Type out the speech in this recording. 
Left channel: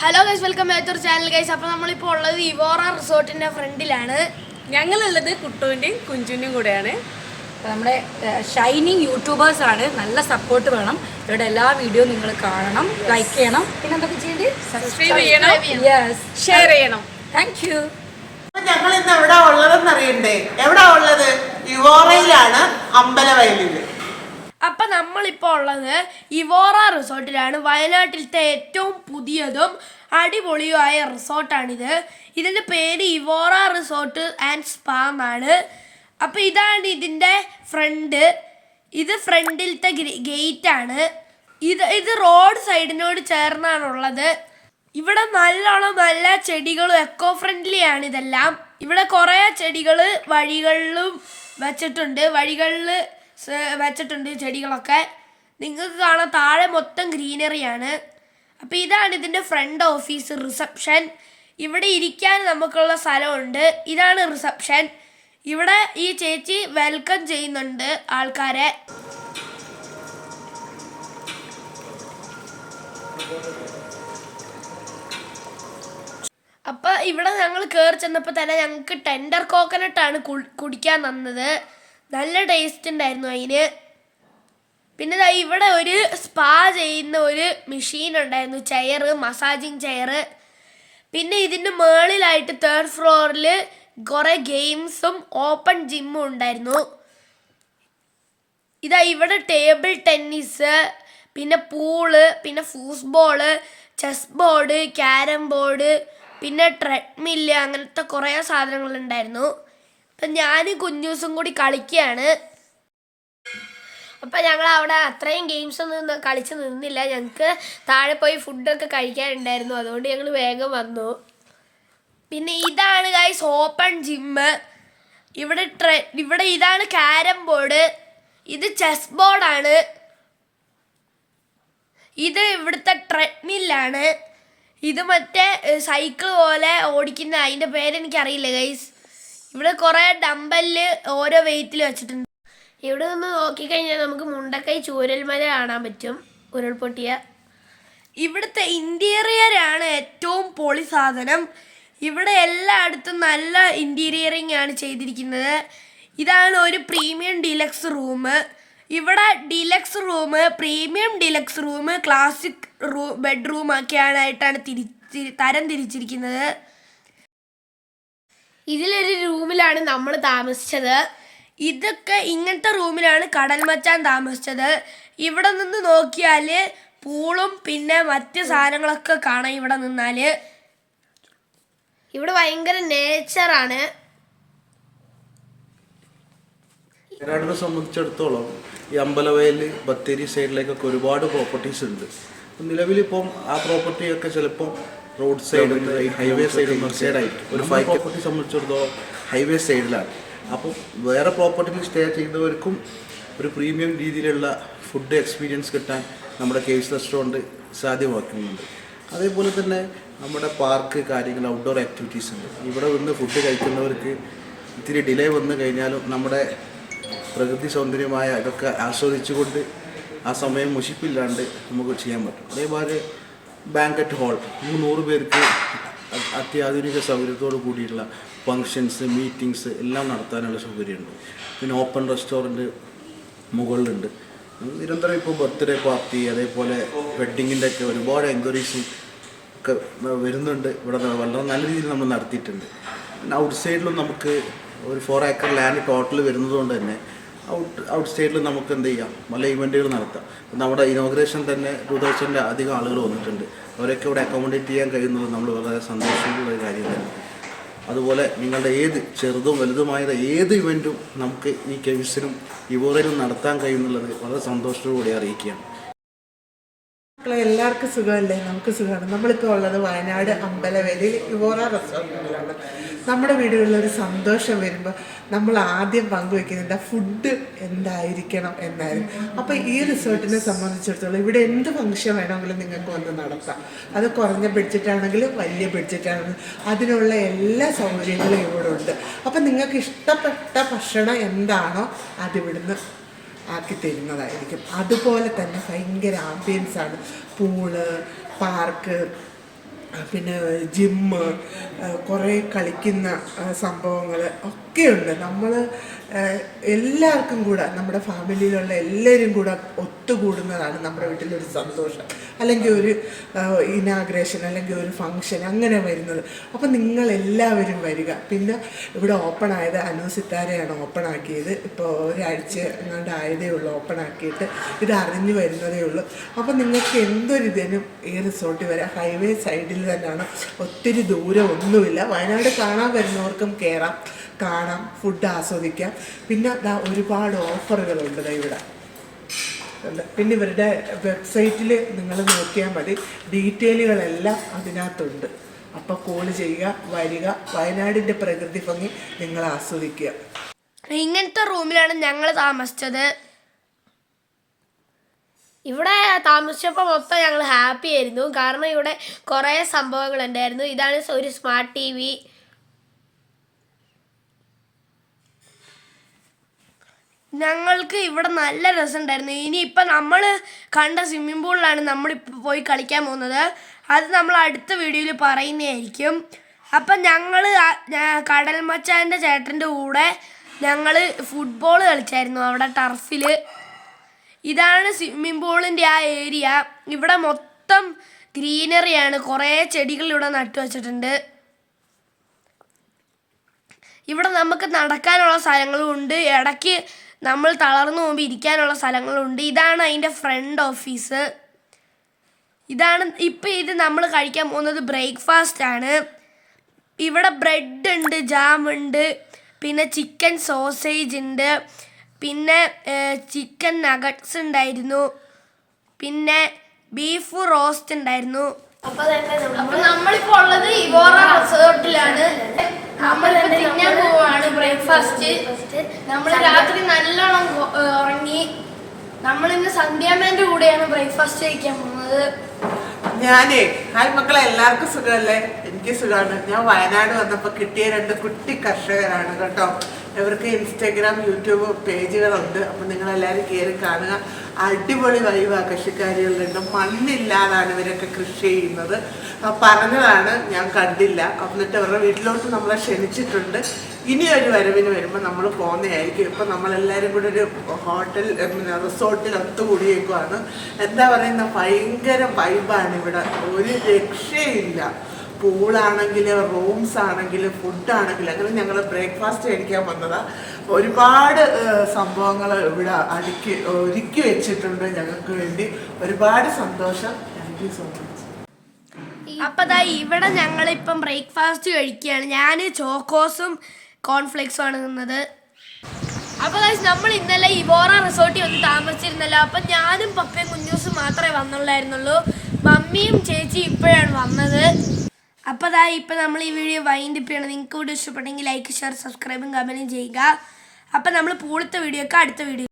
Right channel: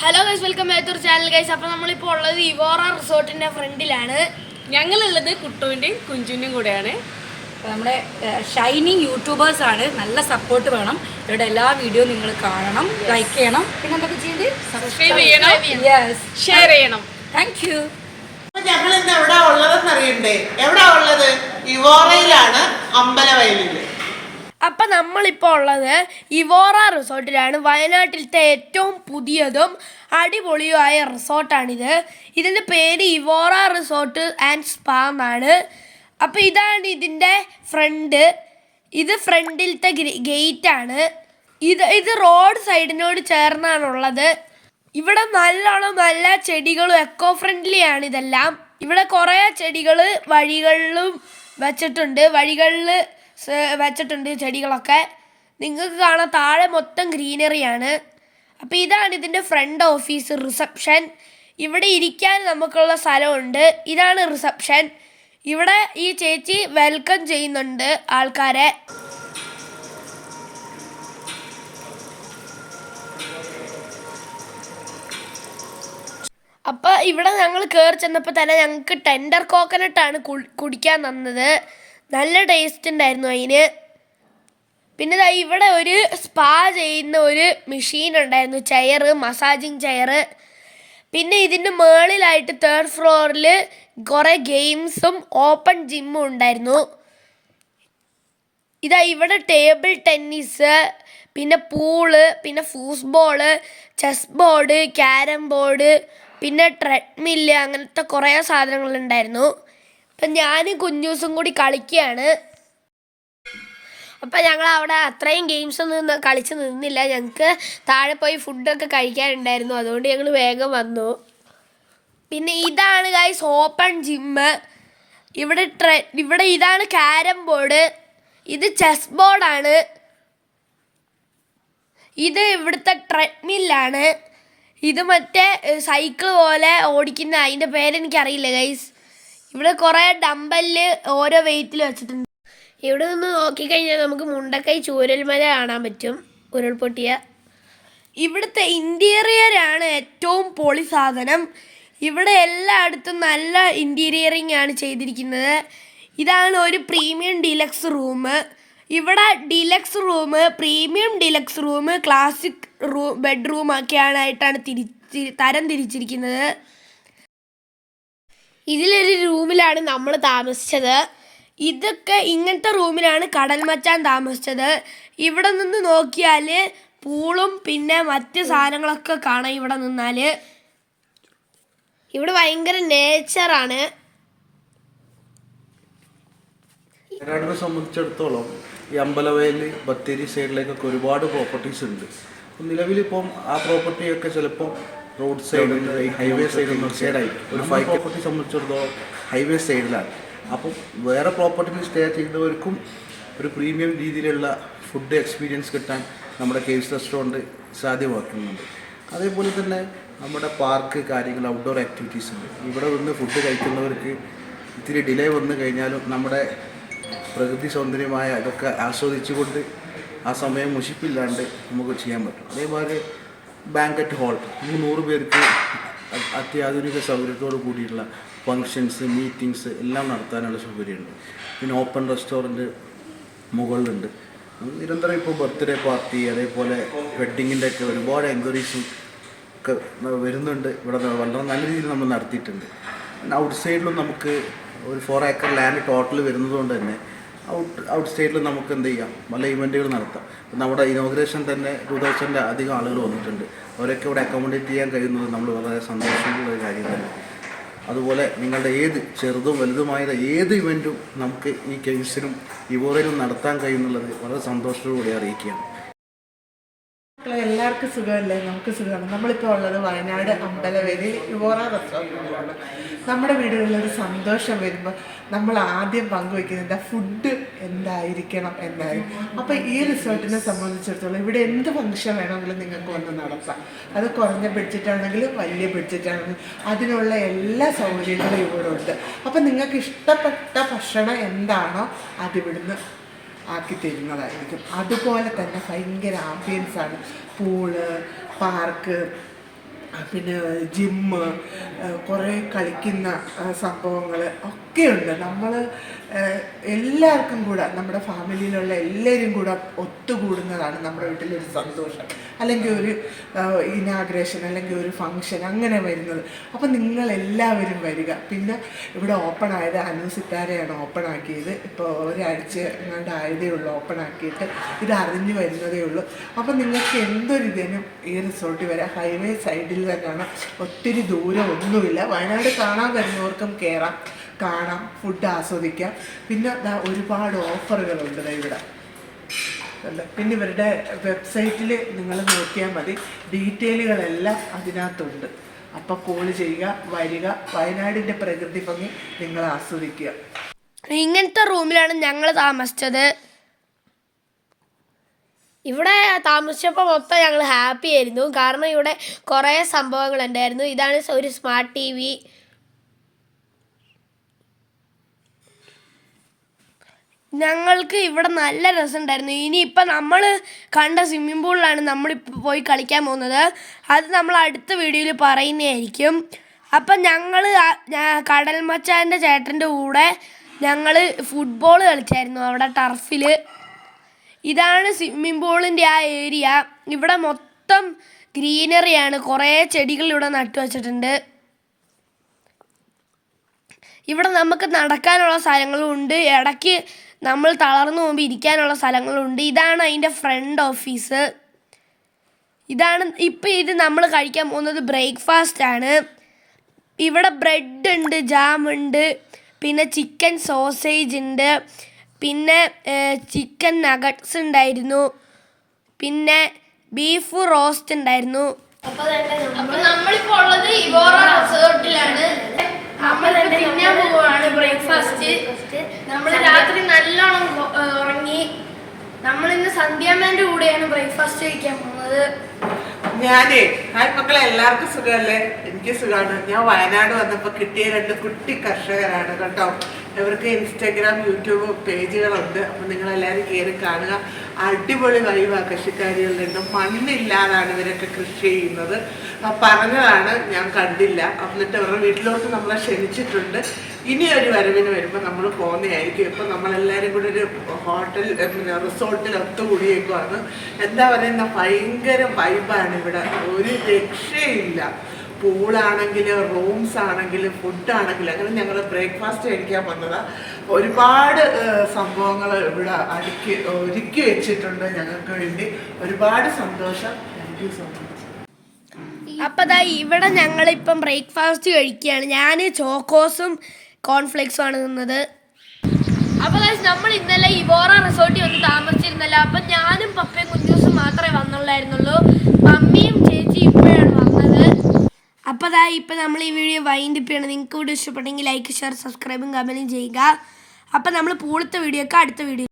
Hello guys, welcome back to channel guys. അപ്പോൾ നമ്മളിപ്പോൾ ഉള്ളത് ഇവോറ റിസോർട്ടിൻ്റെ ഫ്രണ്ടിലാണ്. ഞങ്ങളുള്ളത് കുട്ടുവിൻ്റെയും കുഞ്ചുവിൻ്റെയും കൂടെയാണ്. അപ്പോൾ നമ്മുടെ ഷൈനിങ് യൂട്യൂബേഴ്സാണ്. നല്ല സപ്പോർട്ട് വേണം. ഇവരുടെ എല്ലാ വീഡിയോ നിങ്ങൾ കാണണം, ലൈക്ക് ചെയ്യണം, പിന്നെ എന്തൊക്കെ ചെയ്യേണ്ടത്, സബ്സ്ക്രൈബ് ചെയ്യണം, ഷെയർ ചെയ്യണം. Thank you. ഞങ്ങൾ ഇന്ന് എവിടാ ഉള്ളതെന്ന് അറിയണ്ടേ? എവിടാ ഉള്ളത്? ഇവോറയിലാണ്, അമ്പലവയലില്. അപ്പം നമ്മളിപ്പോൾ ഉള്ളത് ഇവോറ റിസോർട്ടിലാണ്. വയനാട്ടിലത്തെ ഏറ്റവും പുതിയതും അടിപൊളിയുമായ റിസോർട്ടാണിത്. ഇതിൻ്റെ പേര് ഇവോറ റിസോർട്ട് ആൻഡ് സ്പാ എന്നാണ്. അപ്പോൾ ഇതാണ് ഇതിൻ്റെ ഫ്രണ്ട്. ഇത് ഫ്രണ്ടിലത്തെ ഗേറ്റാണ്. ഇത് റോഡ് സൈഡിനോട് ചേർന്നാണുള്ളത്. ഇവിടെ നല്ല ചെടികളും എക്കോ ഫ്രണ്ട്ലി ആണ് ഇതെല്ലാം. ഇവിടെ കുറേ ചെടികൾ വഴികളിലും വെച്ചിട്ടുണ്ട് ചെടികളൊക്കെ. നിങ്ങൾക്ക് കാണാം, താഴെ മൊത്തം ഗ്രീനറിയാണ്. അപ്പോൾ ഇതാണ് ഇതിൻ്റെ ഫ്രണ്ട് ഓഫീസ്, റിസപ്ഷൻ. ഇവിടെ ഇരിക്കാൻ നമുക്കുള്ള സ്ഥലമുണ്ട്. ഇതാണ് റിസപ്ഷൻ. ഇവിടെ ഈ ചേച്ചി വെൽക്കം ചെയ്യുന്നുണ്ട് ആൾക്കാരെ. അപ്പോൾ ഇവിടെ ഞങ്ങൾ കയറി ചെന്നപ്പോൾ തന്നെ ഞങ്ങൾക്ക് ടെൻഡർ കോക്കനട്ടാണ് കുടിക്കാൻ തന്നത്. നല്ല ടേസ്റ്റ് ഉണ്ടായിരുന്നു അതിന്. പിന്നെ ഇവിടെ ഒരു സ്പാ ചെയ്യുന്ന ഒരു മെഷീൻ ഉണ്ടായിരുന്നു, ചെയർ, മസാജിങ് ചെയർ. പിന്നെ ഇതിൻ്റെ മുകളിലായിട്ട് 3rd ഫ്ലോറിൽ കുറേ ഗെയിംസും ഓപ്പൺ ജിമ്മും ഉണ്ടായിരുന്നു. ഇവിടെ ടേബിൾ ടെന്നീസ്, പിന്നെ പൂള്, പിന്നെ ഫൂസ്ബോള്, ചെസ് ബോർഡ്, ക്യാരം ബോർഡ്, പിന്നെ ട്രെഡ്മില്ല്, അങ്ങനത്തെ കുറേ സാധനങ്ങളുണ്ടായിരുന്നു. അപ്പം ഞാനും കുഞ്ഞൂസും കൂടി കളിക്കുകയാണ്. അപ്പം ഞങ്ങൾ അവിടെ അത്രയും ഗെയിംസ് ഒന്നും കളിച്ച് നിന്നില്ല. ഞങ്ങൾക്ക് താഴെ പോയി ഫുഡൊക്കെ കഴിക്കാനുണ്ടായിരുന്നു. അതുകൊണ്ട് ഞങ്ങൾ വേഗം വന്നു. പിന്നെ ഇതാണ് ഗൈസ് ഓപ്പൺ ജിമ്മ്. ഇവിടെ ഇതാണ് ക്യാരം ബോർഡ്. ഇത് ചെസ് ബോർഡാണ്. ഇത് ഇവിടുത്തെ ട്രെഡ്മില്ലാണ്. ഇത് മറ്റേ സൈക്കിൾ പോലെ ഓടിക്കുന്ന, അതിൻ്റെ പേരെനിക്കറിയില്ല ഗൈസ്. ഇവിടെ കുറേ ഡമ്പല് ഓരോ വെയിറ്റിൽ വെച്ചിട്ടുണ്ട്. ഇവിടെ നിന്ന് നോക്കിക്കഴിഞ്ഞാൽ നമുക്ക് മുണ്ടക്കൈ ചൂരൽമല കാണാൻ പറ്റും, ഉരുൾപൊട്ടിയ. ഇവിടുത്തെ ഇൻറ്റീരിയറാണ് ഏറ്റവും പൊളി സാധനം. ഇവിടെ എല്ലായിടത്തും നല്ല ഇൻറ്റീരിയറിങ് ആണ് ചെയ്തിരിക്കുന്നത്. ഇതാണ് ഒരു പ്രീമിയം ഡീലക്സ് റൂം. ഇവിടെ deluxe room, premium deluxe room, classic bedroom ഒക്കെയായിട്ടാണ് തരം തിരിച്ചിരിക്കുന്നത്. ഇതിലൊരു റൂമിലാണ് നമ്മൾ താമസിച്ചത്. ഇങ്ങനത്തെ റൂമിലാണ് കടൽ മച്ചാൻ താമസിച്ചത്. ഇവിടെ നിന്ന് നോക്കിയാൽ പൂളും പിന്നെ മറ്റ് സാധനങ്ങളൊക്കെ കാണാം. ഇവിടെ നിന്നാൽ ഇവിടെ ഭയങ്കര നേച്ചറാണ്. വയനാടിനെ സംബന്ധിച്ചിടത്തോളം ഈ അമ്പലവയൽ, ബത്തേരി സൈഡിലേക്കൊക്കെ ഒരുപാട് പ്രോപ്പർട്ടീസ് ഉണ്ട്. നിലവിലിപ്പം ആ പ്രോപ്പർട്ടിയൊക്കെ ചിലപ്പോൾ റോഡ് സൈഡ്, ഹൈവേ സൈഡായിരിക്കും. ഒരു 5 പ്രോപ്പർട്ടി സംബന്ധിച്ചിടത്തോളം ഹൈവേ സൈഡിലാണ്. അപ്പം വേറെ പ്രോപ്പർട്ടിയിൽ സ്റ്റേ ചെയ്യുന്നവർക്കും ഒരു പ്രീമിയം രീതിയിലുള്ള ഫുഡ് എക്സ്പീരിയൻസ് കിട്ടാൻ നമ്മുടെ കേവ്സ് റെസ്റ്റോറൻറ്റ് സാധ്യമാക്കുന്നുണ്ട്. അതേപോലെ തന്നെ നമ്മുടെ പാർക്ക് കാര്യങ്ങൾ, ഔട്ട്ഡോർ ആക്ടിവിറ്റീസ് ഉണ്ട്. ഇവിടെ നിന്ന് ഫുഡ് കഴിക്കുന്നവർക്ക് ഇത്തിരി ഡിലേ വന്നു കഴിഞ്ഞാലും നമ്മുടെ പ്രകൃതി സൗന്ദര്യമായ ഇതൊക്കെ ആസ്വദിച്ചുകൊണ്ട് ആ സമയം മുഷിപ്പില്ലാണ്ട് നമുക്ക് ചെയ്യാൻ പറ്റും. അതേപോലെ ബാങ്കറ്റ് ഹാൾ, 100 പേർക്ക് അത്യാധുനിക സൗകര്യത്തോടു കൂടിയുള്ള ഫങ്ഷൻസ്, മീറ്റിങ്സ് എല്ലാം നടത്താനുള്ള സൗകര്യമുണ്ട്. പിന്നെ ഓപ്പൺ റെസ്റ്റോറൻറ്റ് മുകളിലുണ്ട്. നിരന്തരം ഇപ്പോൾ ബർത്ത്ഡേ പാർട്ടി, അതേപോലെ വെഡ്ഡിങ്ങിൻ്റെ ഒക്കെ ഒരുപാട് എൻക്വയറീസും ഒക്കെ വരുന്നുണ്ട്. ഇവിടെ വളരെ നല്ല രീതിയിൽ നമ്മൾ നടത്തിയിട്ടുണ്ട്. പിന്നെ ഔട്ട് സൈഡിലും നമുക്ക് ഒരു 4 ഏക്കർ ലാൻഡ് ടോട്ടൽ വരുന്നതുകൊണ്ട് തന്നെ ഔട്ട് സൈഡിൽ നമുക്ക് എന്ത് ചെയ്യാം, പല ഇവൻറ്റുകൾ നടത്താം. നമ്മുടെ ഇനോഗ്രേഷൻ തന്നെ 2000 അധികം ആളുകൾ വന്നിട്ടുണ്ട്. അവരൊക്കെ ഇവിടെ അക്കോമഡേറ്റ് ചെയ്യാൻ കഴിയുന്നത് നമ്മൾ വളരെ സന്തോഷമുള്ള ഒരു കാര്യം തന്നെ. അതുപോലെ നിങ്ങളുടെ ഏത് ചെറുതും വലുതുമായ ഏത് ഇവൻറ്റും നമുക്ക് ഈ കേവ്സിലും ഇവോറയിലും നടത്താൻ കഴിയുന്നുള്ളത് വളരെ സന്തോഷത്തോടുകൂടി അറിയിക്കുകയാണ്. എല്ലാവർക്കും സുഖമല്ലേ? നമുക്ക് സുഖമാണ്. നമ്മളിപ്പോൾ ഉള്ളത് വയനാട് അമ്പലവയലിൽ ഇവോറ റെസ്റ്റോറൻറ്റിലാണ്. നമ്മുടെ വീടുകളിലൊരു സന്തോഷം വരുമ്പോൾ നമ്മൾ ആദ്യം പങ്കുവയ്ക്കുന്നത് ഫുഡ് എന്തായിരിക്കണം എന്നായിരിക്കും. അപ്പോൾ ഈ റിസോർട്ടിനെ സംബന്ധിച്ചിടത്തോളം ഇവിടെ എന്ത് ഫംഗ്ഷൻ വേണമെങ്കിലും നിങ്ങൾക്ക് വന്ന് നടത്താം. അത് കുറഞ്ഞ ബഡ്ജറ്റാണെങ്കിലും വലിയ ബഡ്ജറ്റാണെങ്കിലും അതിനുള്ള എല്ലാ സൗകര്യങ്ങളും ഇവിടെ ഉണ്ട്. അപ്പോൾ നിങ്ങൾക്ക് ഇഷ്ടപ്പെട്ട ഭക്ഷണം എന്താണോ അതിവിടുന്ന് ആക്കി തരുന്നതായിരിക്കും. അതുപോലെ തന്നെ ഭയങ്കര ആംബിയൻസാണ്. പൂള്, പാർക്ക്, പിന്നെ ജിമ്മ്, കുറേ കളിക്കുന്ന സംഭവങ്ങൾ ഒക്കെയുണ്ട്. നമ്മൾ എല്ലാവർക്കും കൂടെ, നമ്മുടെ ഫാമിലിയിലുള്ള എല്ലാവരും കൂടെ ഒത്തുകൂടുന്നതാണ് നമ്മുടെ വീട്ടിലൊരു സന്തോഷം. അല്ലെങ്കിൽ ഒരു ഇനാഗ്രേഷൻ അല്ലെങ്കിൽ ഒരു ഫങ്ഷൻ അങ്ങനെ വരുന്നത്. അപ്പം നിങ്ങളെല്ലാവരും വരിക. പിന്നെ ഇവിടെ ഓപ്പൺ ആയത് സിത്താരയാണ് ഓപ്പൺ ആക്കിയത്. ഇപ്പോൾ ഒരാഴ്ച എങ്ങാണ്ട് ആയതേ ഉള്ളൂ ഓപ്പൺ ആക്കിയിട്ട്. ഇത് അറിഞ്ഞു വരുന്നതേ ഉള്ളൂ. അപ്പം നിങ്ങൾക്ക് എന്തൊരിതിനും ഈ റിസോർട്ടിൽ വരാം. ഹൈവേ സൈഡിൽ തന്നെയാണ്, ഒത്തിരി ദൂരം ഒന്നുമില്ല. വയനാട് കാണാൻ വരുന്നവർക്കും കയറാം, കാണാം, ഫുഡ് ആസ്വദിക്കാം. പിന്നെ ഒരുപാട് ഓഫറുകളുണ്ട് ഇവിടെ. പിന്നെ ഇവരുടെ വെബ്സൈറ്റിൽ നിങ്ങൾ നോക്കിയാൽ മതി, ഡീറ്റെയിലുകളെല്ലാം അതിനകത്തുണ്ട്. അപ്പോൾ കോൾ ചെയ്യുക, വരിക, വയനാടിൻ്റെ പ്രകൃതി ഭംഗി നിങ്ങൾ ആസ്വദിക്കുക. ഇങ്ങനത്തെ റൂമിലാണ് ഞങ്ങൾ താമസിച്ചത്. ഇവിടെ താമസിച്ചപ്പോൾ മൊത്തം ഞങ്ങൾ ഹാപ്പി ആയിരുന്നു. കാരണം ഇവിടെ കുറേ സംഭവങ്ങൾ ഉണ്ടായിരുന്നു. ഇതാണ് ഒരു സ്മാർട്ട് TV. ഞങ്ങൾക്ക് ഇവിടെ നല്ല രസമുണ്ടായിരുന്നു. ഇനിയിപ്പോൾ നമ്മൾ കണ്ട സ്വിമ്മിംഗ് പൂളിലാണ് നമ്മളിപ്പോൾ പോയി കളിക്കാൻ പോകുന്നത്. അത് നമ്മൾ അടുത്ത വീഡിയോയിൽ പറയുന്നതായിരിക്കും. അപ്പം ഞങ്ങൾ കടൽ മച്ചാൻ്റെ ചേട്ടൻ്റെ കൂടെ ഞങ്ങൾ ഫുട്ബോൾ കളിച്ചായിരുന്നു അവിടെ ടർഫിൽ. ഇതാണ് സ്വിമ്മിംഗ് പൂളിൻ്റെ ആ ഏരിയ. ഇവിടെ മൊത്തം ഗ്രീനറിയാണ്. കുറേ ചെടികൾ ഇവിടെ നട്ടു വച്ചിട്ടുണ്ട്. ഇവിടെ നമുക്ക് നടക്കാനുള്ള സ്ഥലങ്ങളും ഉണ്ട്. ഇടയ്ക്ക് നമ്മൾ തളർന്നു പോകുമ്പോൾ ഇരിക്കാനുള്ള സ്ഥലങ്ങളുണ്ട്. ഇതാണ് അതിൻ്റെ ഫ്രണ്ട് ഓഫീസ്. ഇത് നമ്മൾ കഴിക്കാൻ പോകുന്നത് ബ്രേക്ക്ഫാസ്റ്റ് ആണ്. ഇവിടെ ബ്രെഡ് ഉണ്ട്, ജാം ഉണ്ട്, പിന്നെ ചിക്കൻ സോസേജ് ഉണ്ട്, പിന്നെ ചിക്കൻ നഗറ്റ്സ് ഉണ്ടായിരുന്നു, പിന്നെ ബീഫ് റോസ്റ്റ് ഉണ്ടായിരുന്നു. അപ്പോൾ നമ്മളിപ്പോൾ ഉള്ളത് ഇവോറ റിസോർട്ടിലാണ്. നമ്മളിപ്പോൾ തിന്നാൻ പോവാണ് ബ്രേക്ക്ഫാസ്റ്റ്. നമ്മൾ രാത്രി നല്ലോണം ഉറങ്ങി. നമ്മളിന്ന് സന്ധ്യാമ്മേൻ്റെ കൂടെയാണ് ബ്രേക്ക്ഫാസ്റ്റ് കഴിക്കാൻ പോകുന്നത്. ഹായ് മക്കളെ, എല്ലാവർക്കും സുഖമല്ലേ? എനിക്ക് സുഖമാണ്. ഞാൻ വയനാട് വന്നപ്പോൾ കിട്ടിയ 2 കുട്ടി കർഷകരാണ് കേട്ടോ. ഇവർക്ക് ഇൻസ്റ്റാഗ്രാം, യൂട്യൂബ് പേജുകളുണ്ട്. അപ്പം നിങ്ങളെല്ലാവരും കയറി കാണുക. അടിപൊളി വൈവാ കൃഷിക്കാരികളുണ്ട്. മണ്ണില്ലാതാണ് ഇവരൊക്കെ കൃഷി ചെയ്യുന്നത്. പറഞ്ഞതാണ്, ഞാൻ കണ്ടില്ല. എന്നിട്ട് അവരുടെ വീട്ടിലോട്ട് നമ്മളെ ക്ഷണിച്ചിട്ടുണ്ട്. ഇനി ഒരു വരവിന് വരുമ്പോൾ നമ്മൾ പോകുന്നതായിരിക്കും. ഇപ്പം നമ്മളെല്ലാവരും കൂടി ഒരു ഹോട്ടൽ റിസോർട്ടിൽ ഒത്തുകൂടിയേക്കുവാണ്. എന്താ പറയുന്ന ഭയങ്കര വൈബാണ് ഇവിടെ, ഒരു രക്ഷയില്ല. പൂളാണെങ്കിലും റൂംസ് ആണെങ്കിലും ഫുഡാണെങ്കിലും. അങ്ങനെ ഞങ്ങൾ ബ്രേക്ക്ഫാസ്റ്റ് കഴിക്കാൻ വന്നതാണ്. ഒരുപാട് സംഭവങ്ങൾ ഇവിടെ ഒരുക്കി വെച്ചിട്ടുണ്ട് ഞങ്ങൾക്ക് വേണ്ടി. ഒരുപാട് സന്തോഷം. Thank you so much. അപ്പം ഇവിടെ ഞങ്ങളിപ്പം ബ്രേക്ക്ഫാസ്റ്റ് കഴിക്കുകയാണ്. ഞാൻ ചോക്കോസും കോൺഫ്ലെക്സും ആണ് തിന്നത്. അപ്പോൾ നമ്മൾ ഇന്നലെ ഇവോറ റിസോർട്ടിൽ വന്ന് താമസിച്ചിരുന്നല്ലോ. അപ്പം ഞാനും പപ്പയും കുഞ്ഞൂസും മാത്രമേ വന്നുള്ളായിരുന്നുള്ളൂ. മമ്മിയും ചേച്ചി ഇപ്പോഴാണ് വന്നത്. അപ്പോൾ ഇപ്പം നമ്മൾ ഈ വീഡിയോ വൈൻഡപ്പ് ചെയ്യണം. നിങ്ങൾക്ക് വീഡിയോ ഇഷ്ടപ്പെട്ടെങ്കിൽ ലൈക്ക്, ഷെയർ, സബ്സ്ക്രൈബും കമൻറ്റും ചെയ്യുക. അപ്പം നമ്മൾ പൂളത്തെ വീഡിയോ ഒക്കെ അടുത്ത വീഡിയോ